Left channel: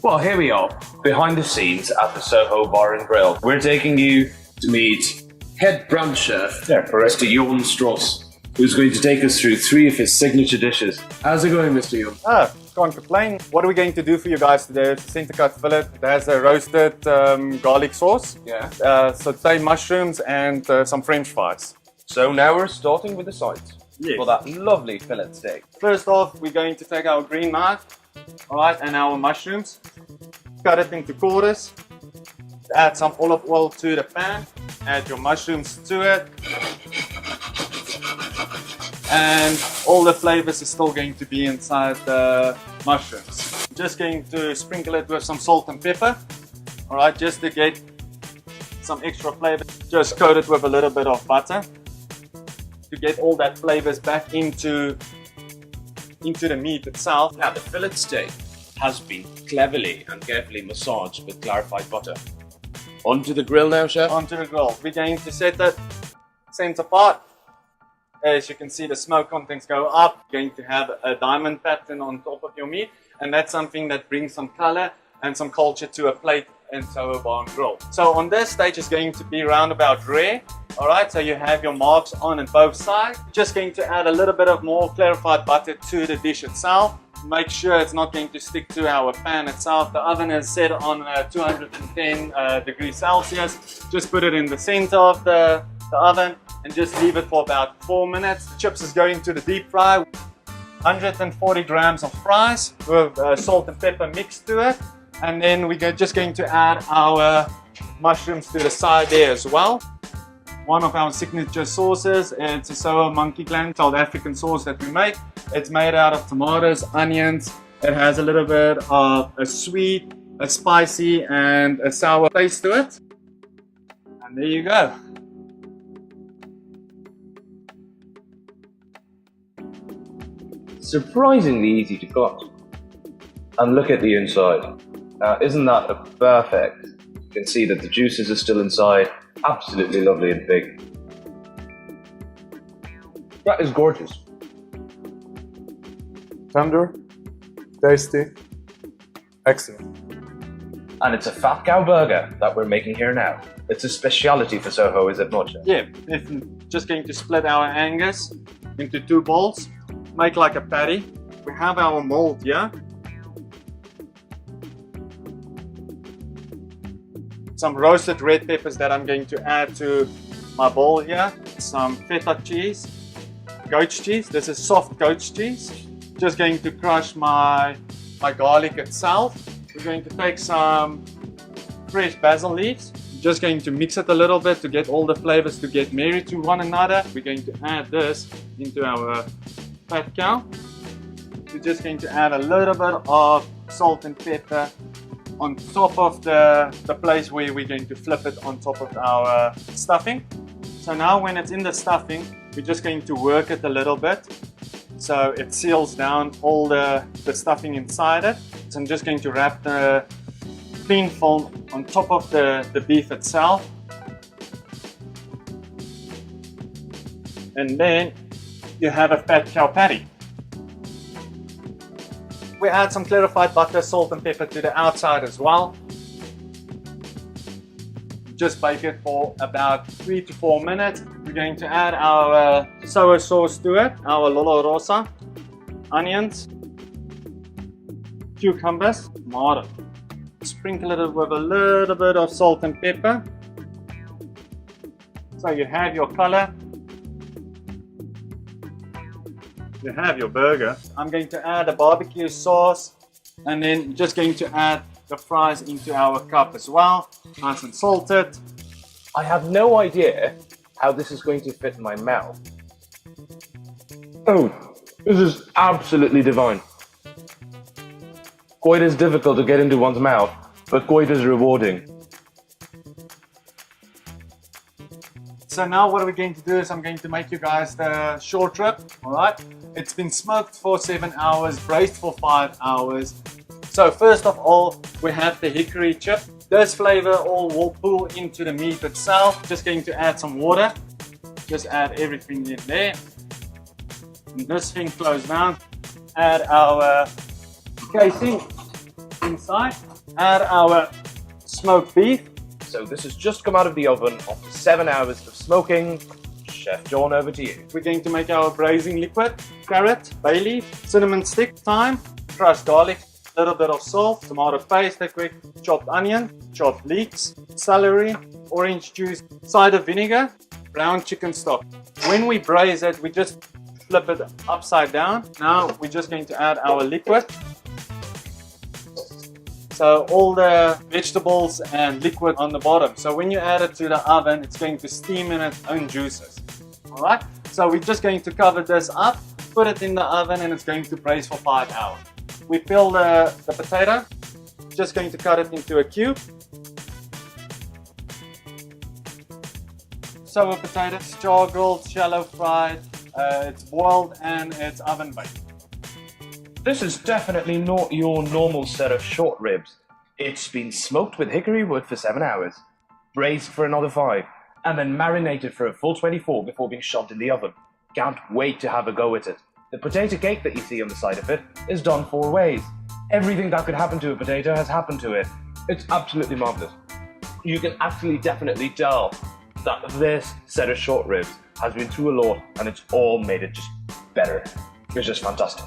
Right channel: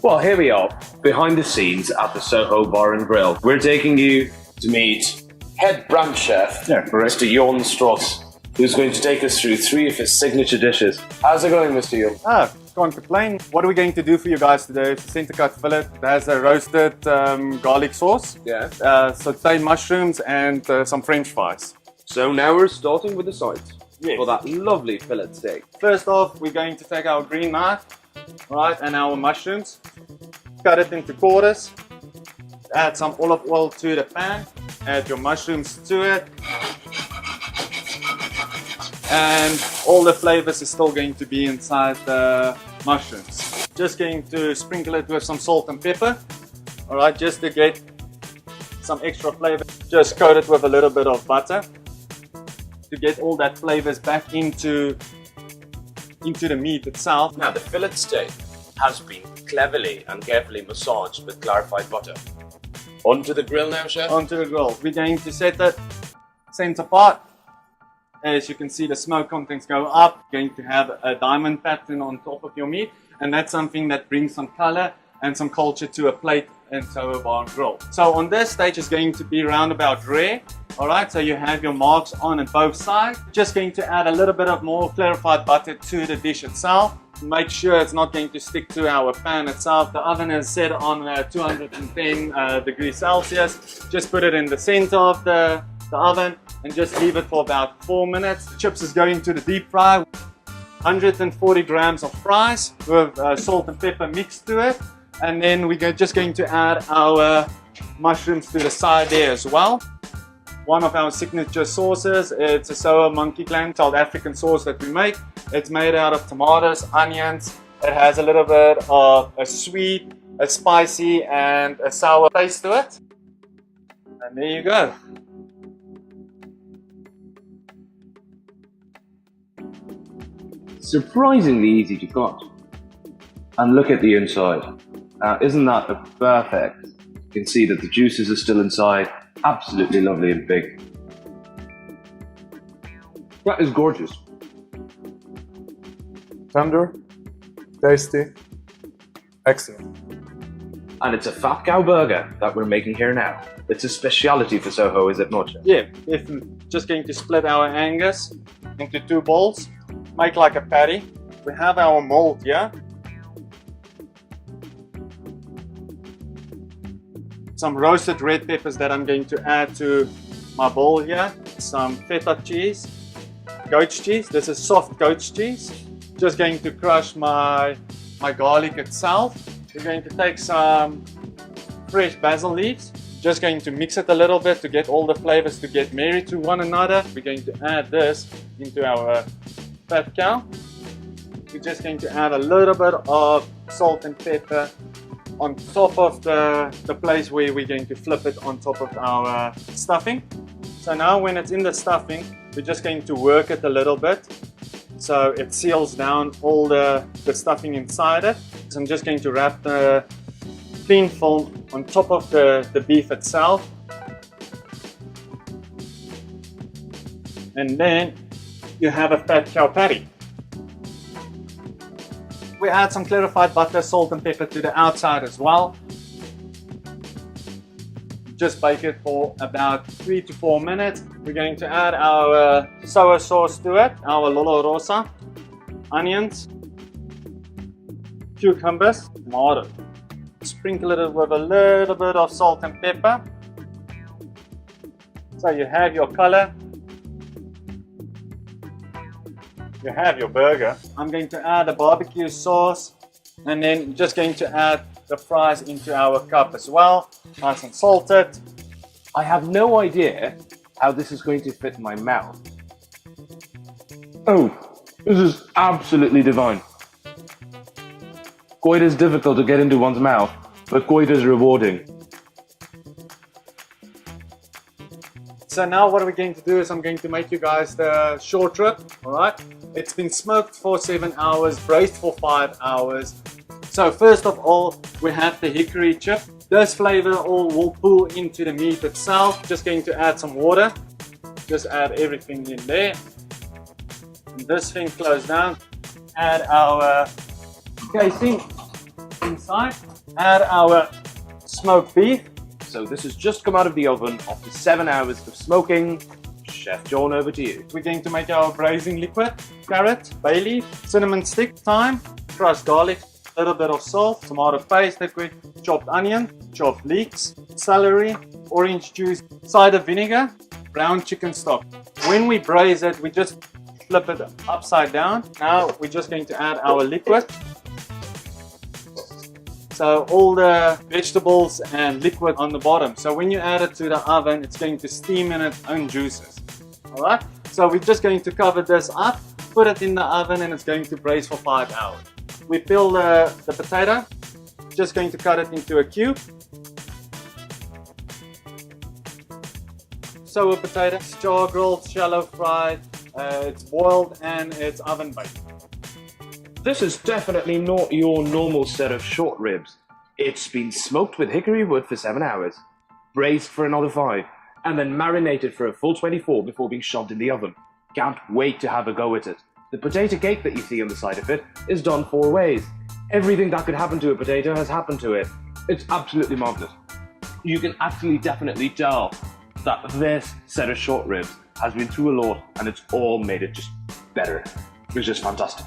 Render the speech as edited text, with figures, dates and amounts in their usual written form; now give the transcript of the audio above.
Well, here we are, behind the scenes at the Soho Bar and Grill. We're taking you to meet head brand chef, Mr. Jorn Strauss, who's going to take us through 3 of his signature dishes. How's it going, Mr. Jorn? Can't complain. What are we going to do for you guys today? It's a center cut fillet. It has a roasted garlic sauce, sauteed mushrooms, and some French fries. So now we're starting with the sides. Yes. For that lovely fillet steak. First off, we're going to take our green knife, alright, and our mushrooms, cut it into quarters, add some olive oil to the pan, add your mushrooms to it, and all the flavors is still going to be inside the mushrooms. Just going to sprinkle it with some salt and pepper, alright, just to get some extra flavor. Just coat it with a little bit of butter to get all that flavors back into the meat itself. Now the fillet steak has been cleverly and carefully massaged with clarified butter. Onto the grill now, chef? Onto the grill. We're going to set it center part. As you can see, the smoke contents go up. You're going to have a diamond pattern on top of your meat, and that's something that brings some color and some culture to a plate and Soho Bar and Grill. So on this stage is going to be roundabout rare. Alright, so you have your marks on both sides. Just going to add a little bit of more clarified butter to the dish itself. Make sure it's not going to stick to our pan itself. The oven is set on 210 degrees Celsius. Just put it in the center of the oven and just leave it for about 4 minutes. The chips is going to the deep fry. 140 grams of fries with salt and pepper mixed to it. And then we're just going to add our mushrooms to the side there as well. One of our signature sauces, it's a Soho monkey gland South African sauce that we make. It's made out of tomatoes, onions. It has a little bit of a sweet, a spicy, and a sour taste to it. And there you go. Surprisingly easy to cut. And look at the inside. Isn't that perfect? You can see that the juices are still inside. Absolutely lovely and big. That is gorgeous. And it's a fat cow burger that we're making here now. It's a speciality for Soho, is it not? Yeah, just going to split our Angus into 2 bowls. Make like a patty. We have our mold here. Some roasted red peppers that I'm going to add to my bowl here. Some feta cheese, goat's cheese. This is soft goat's cheese. Just going to crush my garlic itself. We're going to take some fresh basil leaves. Just going to mix it a little bit to get all the flavors to get married to one another. We're going to add this into our fat cow. We're just going to add a little bit of salt and pepper on top of the place where we're going to flip it on top of our stuffing. So now when it's in the stuffing, we're just going to work it a little bit so it seals down all the stuffing inside it. So I'm just going to wrap the cling film on top of the beef itself. And then you have a fat cow patty. We add some clarified butter, salt and pepper to the outside as well. Just bake it for about 3 to 4 minutes. We're going to add our sour sauce to it, our Lolo Rosa, onions, cucumbers, tomato. Sprinkle it with a little bit of salt and pepper. So you have your color. You have your burger. I'm going to add a barbecue sauce and then just going to add the fries into our cup as well, nice and salted. I have no idea how this is going to fit in my mouth. Oh, this is absolutely divine. Goita is difficult to get into one's mouth, but goita is rewarding. So now what we're going to do is I'm going to make you guys the short rib, alright? It's been smoked for 7 hours, braised for 5 hours. So first of all, we have the hickory chip. This flavor all will pull into the meat itself. Just going to add some water. Just add everything in there. And this thing close down. Add our casing inside. Add our smoked beef. So this has just come out of the oven after 7 hours of smoking. Chef John, over to you. We're going to make our braising liquid. Carrot, bay leaf, cinnamon stick, thyme, crushed garlic, a little bit of salt, tomato paste, liquid, chopped onion, chopped leeks, celery, orange juice, cider vinegar, brown chicken stock. When we braise it, we just flip it upside down. Now we're just going to add our liquid. So all the vegetables and liquid on the bottom. So when you add it to the oven, it's going to steam in its own juices. All right. So we're just going to cover this up, put it in the oven, and it's going to braise for 5 hours. We peel the potato. Just going to cut it into a cube. Sour potatoes, char grilled, shallow fried. It's boiled and it's oven baked. This is definitely not your normal set of short ribs. It's been smoked with hickory wood for 7 hours, braised for another 5, and then marinated for a full 24 before being shoved in the oven. Can't wait to have a go at it. The potato cake that you see on the side of it is done 4 ways. Everything that could happen to a potato has happened to it. It's absolutely marvelous. You can actually definitely tell that this set of short ribs has been through a lot, and it's all made it just better. It's just fantastic.